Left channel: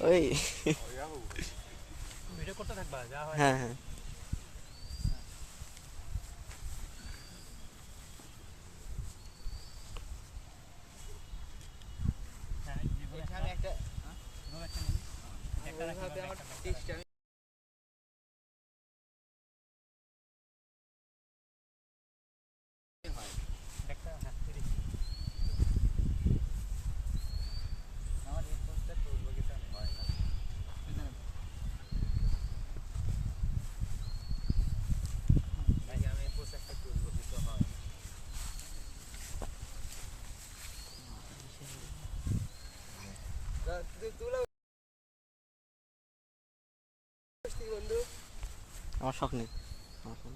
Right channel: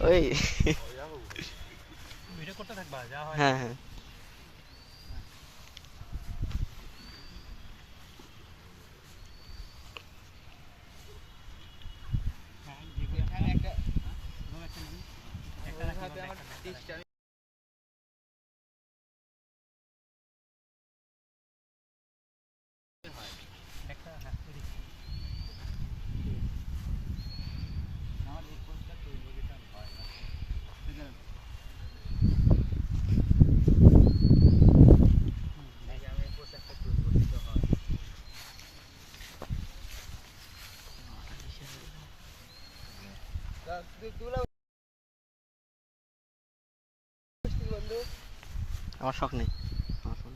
ওই। ভিডিও করতে থাকবা যা হয়? হ্যাঁ হ্যাঁ হ্যাঁ, একটা- যেগুলো একটা নিন। একটা রাখি, একটা- একটা- একটা রাখি। একটা, হ্যাঁ, এদিকে। আমার শখ নেই। আমার ফোন।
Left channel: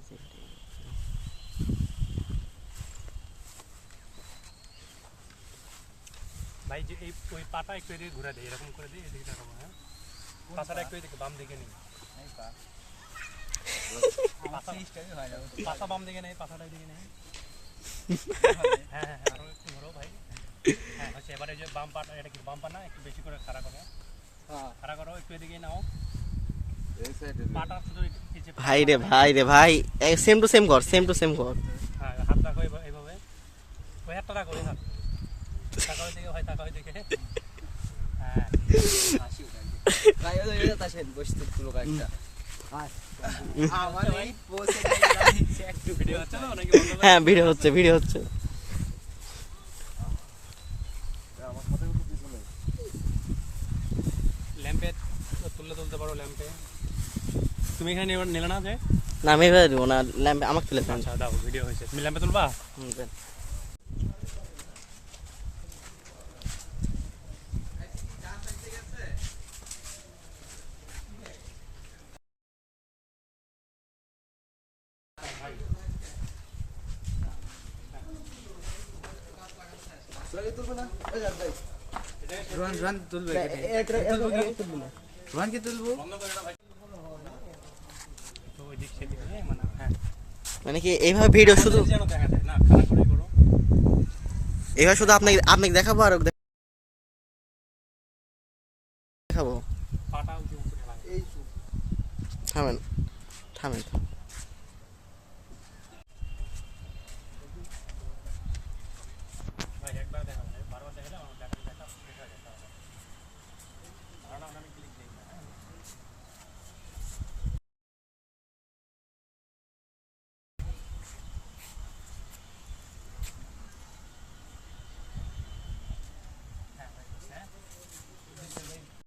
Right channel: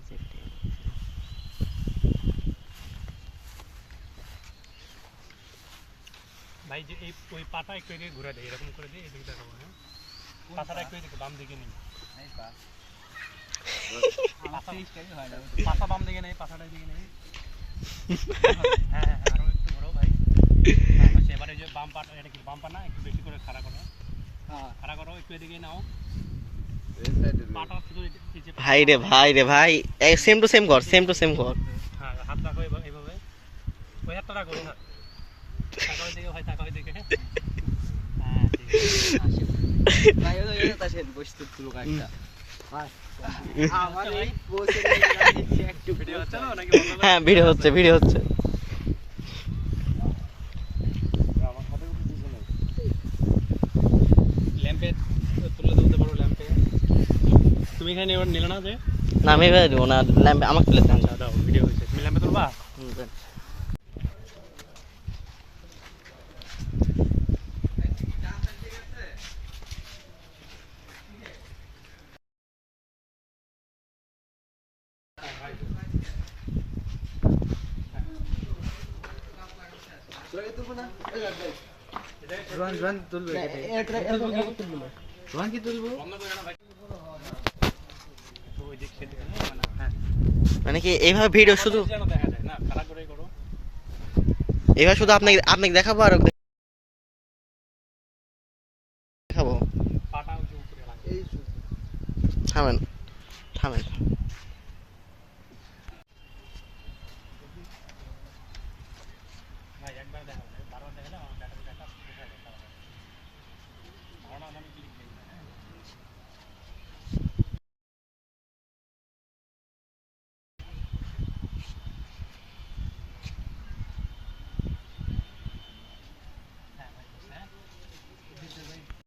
ভাই, যে এই ওই পাটা একটু এদিকে ঘুরে দেয় এরকম করে দিই এদিকে দেখাবো হ্যাঁ? পাতাটা একটু এদিকে বাম দিকে নিই পাতা বাম দিকে নেই, পাতাটা এদিকে নেই। হ্যাঁ হ্যাঁ হ্যাঁ আরও একটু ঘোরো ভাই। হ্যাঁ আচ্ছা এবারে যে বাম পাটা এটা কি বাম পা না? একটু বেশি করে খাড়া করো। খাড়া করো একটু এদিকে নাও। ভাই রে ভাই রে ভাই। সেম টু সেম কর সেম টু সেম কর হ্যাঁ হাত রাখো এভাবে এভাবে ওই হাতটা রাখো ওই হাত। টাকা ওই দিকে ভাই টাকা ওই দিকে হ্যাঁ ঠিক আছে। ভিডিও হচ্ছে না নাকি বন্ধ করে? হ্যাঁ ভিডিও হচ্ছে ভিডিও হচ্ছে। ল্যাম্পে তুলে তুলতে পারো ল্যাম্পে তুমি এখানে নিলে- নিলে না যে? না আমি এবার দেবো না ল্যাম্প আমাকে তুলে দেন। দাও ভিডিও হয়েছে। তুমি ল্যাম্পে তুলবা? হুম, দেন। বন্ধ করে না? ভাই তো ওই দিক থেকে হ্যাঁ মানে হ্যাঁ মানে কি এইভাবে ভিডিও শুধু এইভাবে শুধু আপনাকে আপনাকে দেখাবো আর দেখাবো? থামেন। থামেন।